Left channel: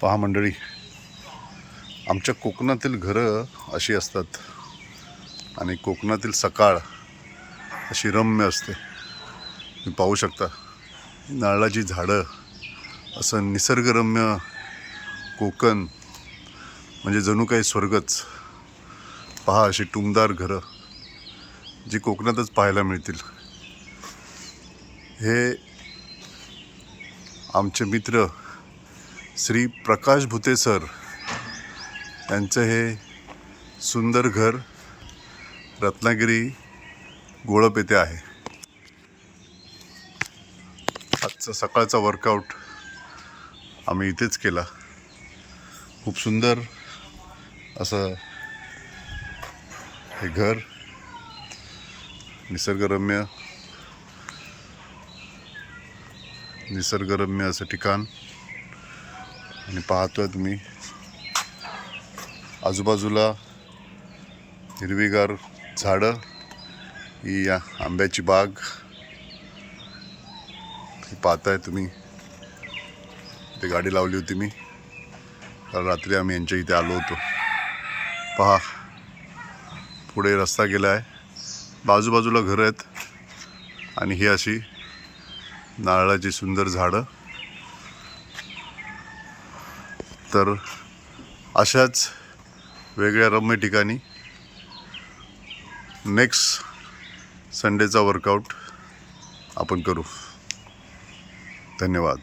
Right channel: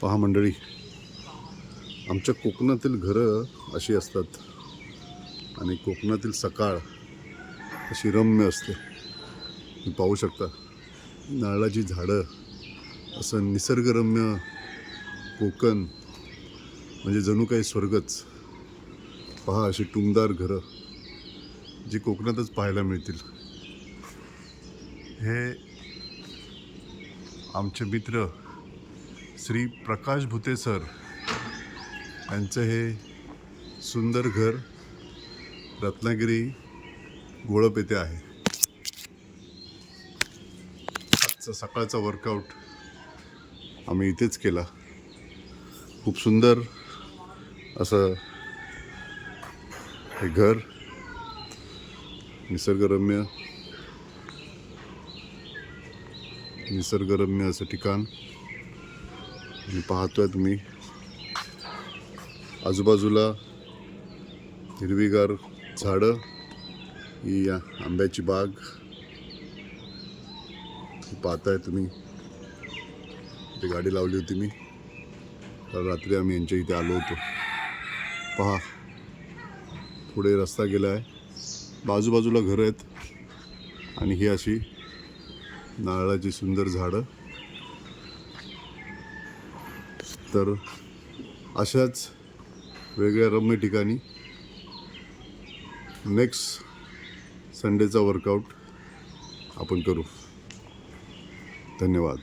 पहा मंडळी, आमच्या कोकणातील घरं अशी असतात आणि कोकणातील सकाळ अशी रम्य असते. तुम्ही पाहू शकता नारळाची झाडं, असं निसर्गरम्य कोकण म्हणजे जणू काही स्वर्गच. पहा अशी टुमदार घरं जी कोकणातच पाहायला मिळतील. हे आमचे मित्र श्री प्रकाश भुते सर यांचं हे सुंदर घर रत्नागिरी गोळप येथे आहे. आजचा सकाळचा वर्कआउट आम्ही इथेच केला. खूप सुंदर असं हे घर, निसर्गरम्य असं ठिकाण. आणि पाहतोय तुम्ही आजूबाजूला हिरवीगार झाडं, ही आंब्याची बाग ही पाहताय तुम्ही. इथे गाडी लावली होती मी, काल रात्री आम्ही यांच्या इथे आलो होतो. पहा पुढे रस्ता गेला आहे, बाजूबाजूला घरं आहेत आणि ही अशी नारळाची सुंदर झाडं. तर अशाच वेगळ्या रम्य ठिकाणी नेक्स्ट संडेचा वर्कआउट आपण करू. धन्यवाद.